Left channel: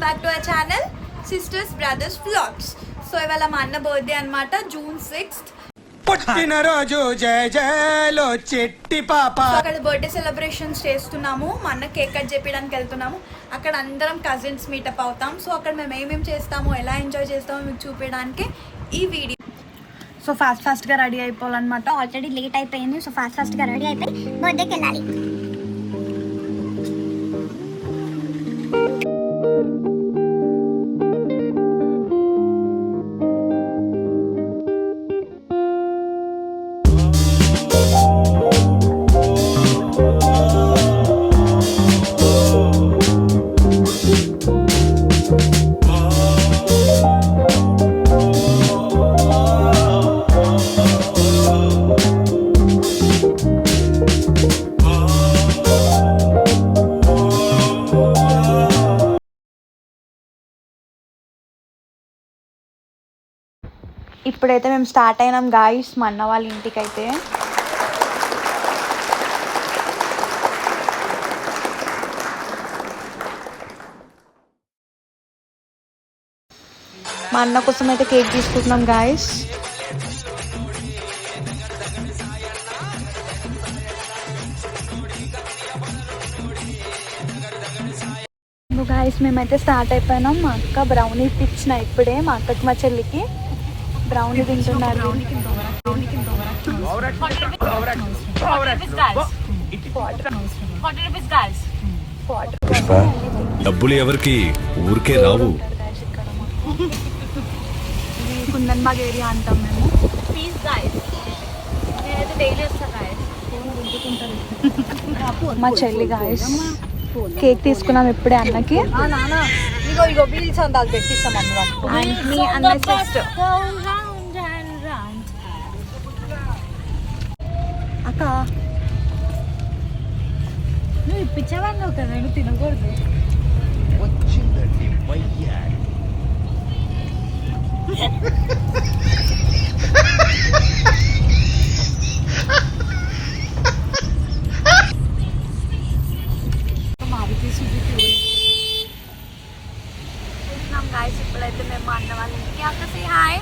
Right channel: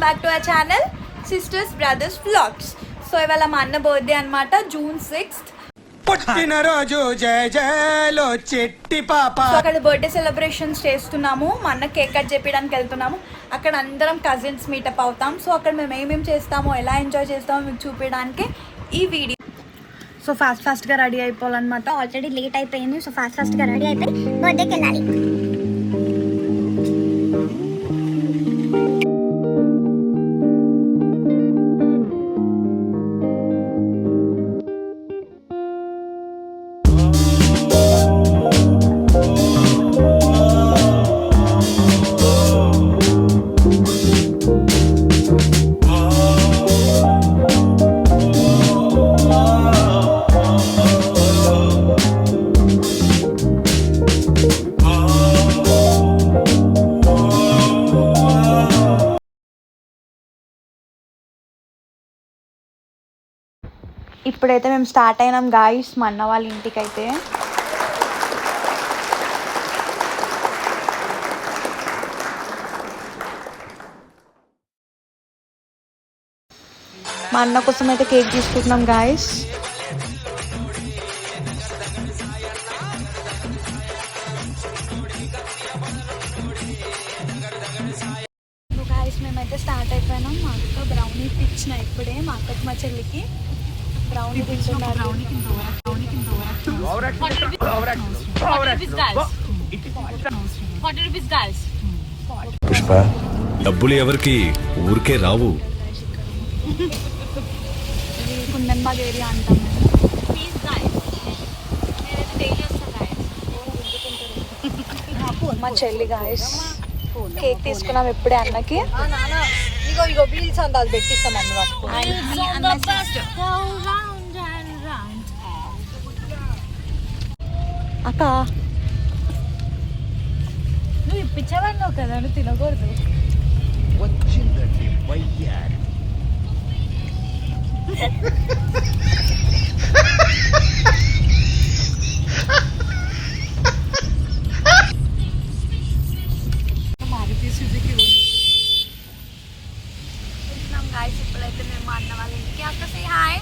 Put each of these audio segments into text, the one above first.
Welcome back to our channel sisters brothers vlogs. So ఇవాళ మా అన్న బర్త్డే అనమాట, June 6th. పుట్టినరోజు జయ జయలో చెట్టి పాప. అక్కడ బర్త్డే సెలబ్రేషన్స్ చేస్తున్నాము. మా అన్న కేక్ కట్ చేపించడానికి వెళ్తున్నాము. అక్కడ అందరం కజిన్స్ మీటప్ అవుతాం. సో అక్కడ మేము ఏమేమి చేస్తామో, ఎలా ఎంజాయ్ చేస్తామో మీకు చూపించడానికి ఈ వీడియో. సో ఫాస్ట్ గా రెడీ అయిపోవాలన్నమాట. ఆల్రెడీ లేట్ అయిపోయింది. సో ఫాస్ట్ గా రెడీ అయిపోయి బర్త్డేకి వెళ్ళాలి. ఇప్పుడైతే మేము స్టార్ట్ అయినాం గాయ్స్ మా అన్న వాళ్ళ ఇంటికి. అయితే మా అన్న కోసం అయితే కేక్ తీసుకుంటున్నాం గాయ్స్. గాయ్స్ మేమైతే స్టార్ట్ అయిపోయినాం. మా అక్క బ్రౌనీ ఇచ్చిన ఇప్పుడే మా అక్కకి మా చెల్లికి బ్రౌనీ తింటున్నారు. పుష్ప, డబ్బులు ఎవరికి ఊరికే రావు. కుందన్బాగ్ ఏరియా అంటాం మేము. మా చెల్లి కేక్ తీసుకున్నాం ఇప్పుడే అన్నకి. మీ అన్న సిస్టర్ అక్క నువ్వు ఇప్పించేవాడినావు కదా, నువ్వు తినకూడదు. వచ్చిందండి వయ్యారి. గాయస్ ఇప్పుడైతే మేము మా అన్న వాళ్ళ ఇంటికి. అక్క సే హాయ్.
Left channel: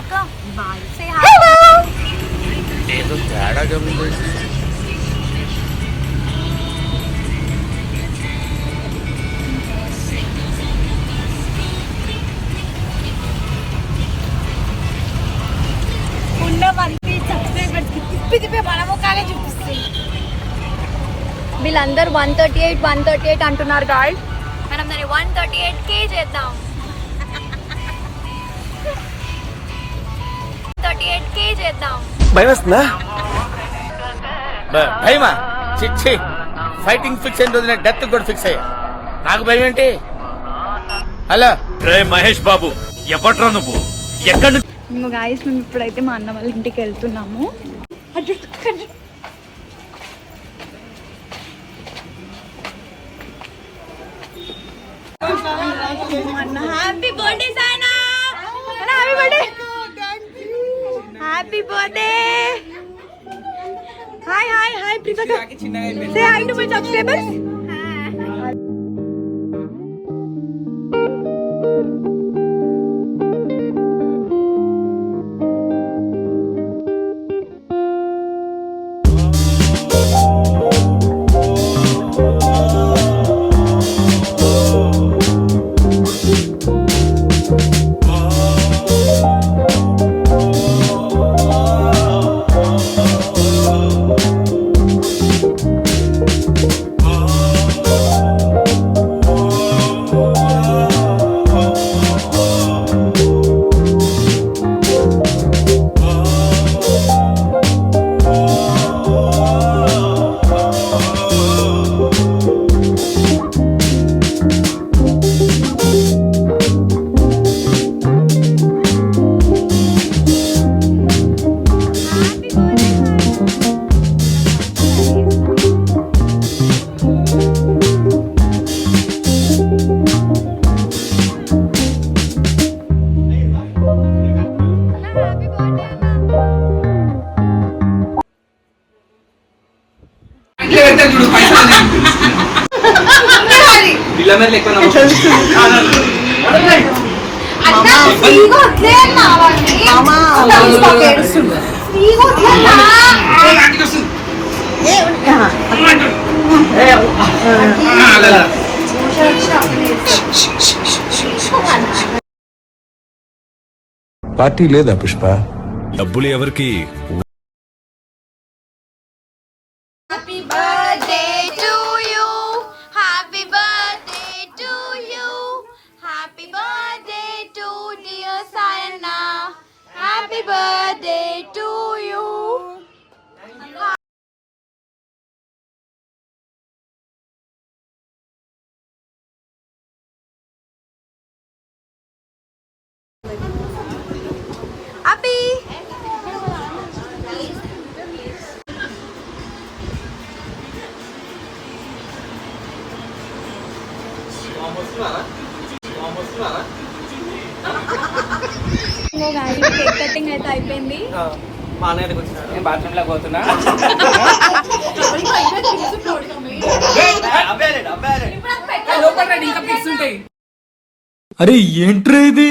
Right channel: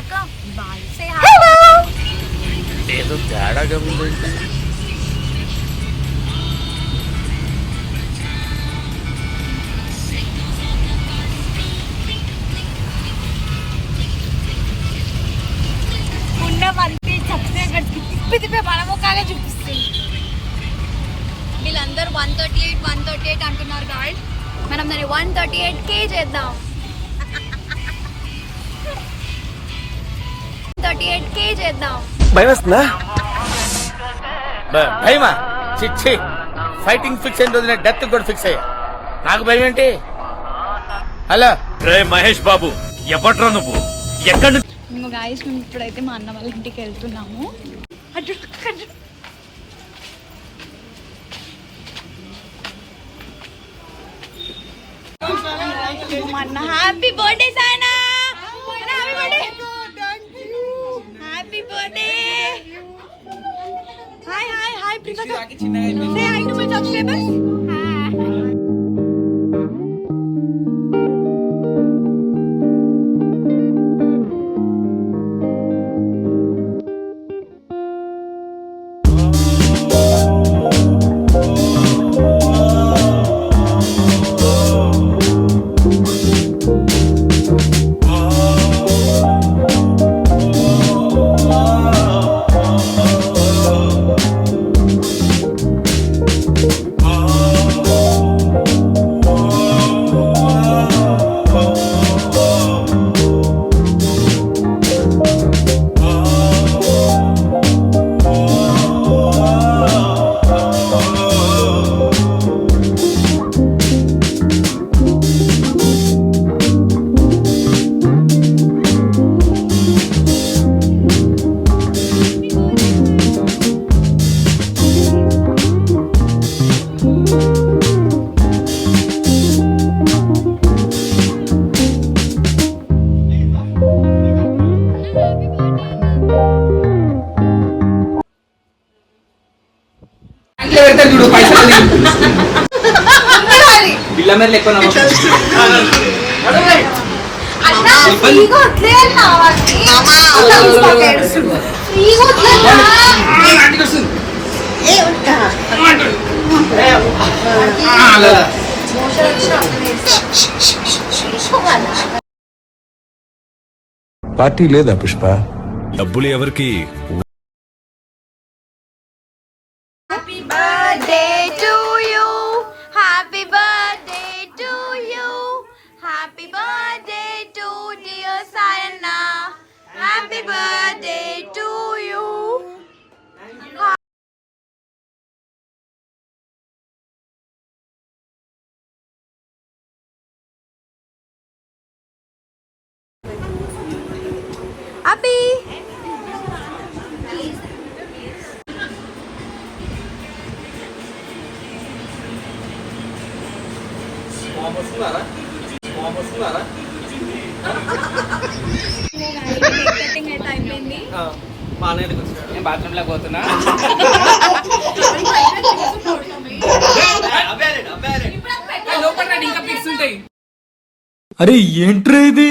అక్క బాయ్ సే హాయ్. ఏదో తేడాగా ఉంది. ఉన్నమంది సబ్స్క్రైబర్స్ తిప్పి మన ముఖాలే చూపిస్తుంది. వీళ్ళందరూ 138 అంటున్నారు గాయస్. మనం దాన్ని 138K చేద్దాం. 138K చేద్దాం. భయం వస్తుందా? భయమా? చిచ్చి, ఫైటింగ్ ఫిక్స్ అయిన రోజున డెత్ కూడా ఫిక్స్ అయ్యా. నాకు భయం ఏంటి? హలో రే మహేష్ బాబు, ఎవట్రా నువ్వు? ఎక్కడి మేము గాయస్ మేము ఇప్పుడైతే మా అన్న వాళ్ళ ఇంటికి వెళ్తున్నాము. హ్యాపీ బర్త్డే సానా. Happy birthday. Happy birthday. Hi hi hi Priyanka. Say hi to my subscribers. పిల్ల మీద ఎక్కువ పార్టీ లేదా పుష్ప? డబ్బులు ఎవరికి? Happy birthday to you, happy birthday to you, happy birthday to dear Sayanna, happy birthday to you. అబ్బి cake cutting అయితే అయిపోయింది. మా అన్నయ్య దగ్గరికి వచ్చిన నేను బాత్రూమ్ లో పోతున్నా. అరే ఏంట్రా ఇది?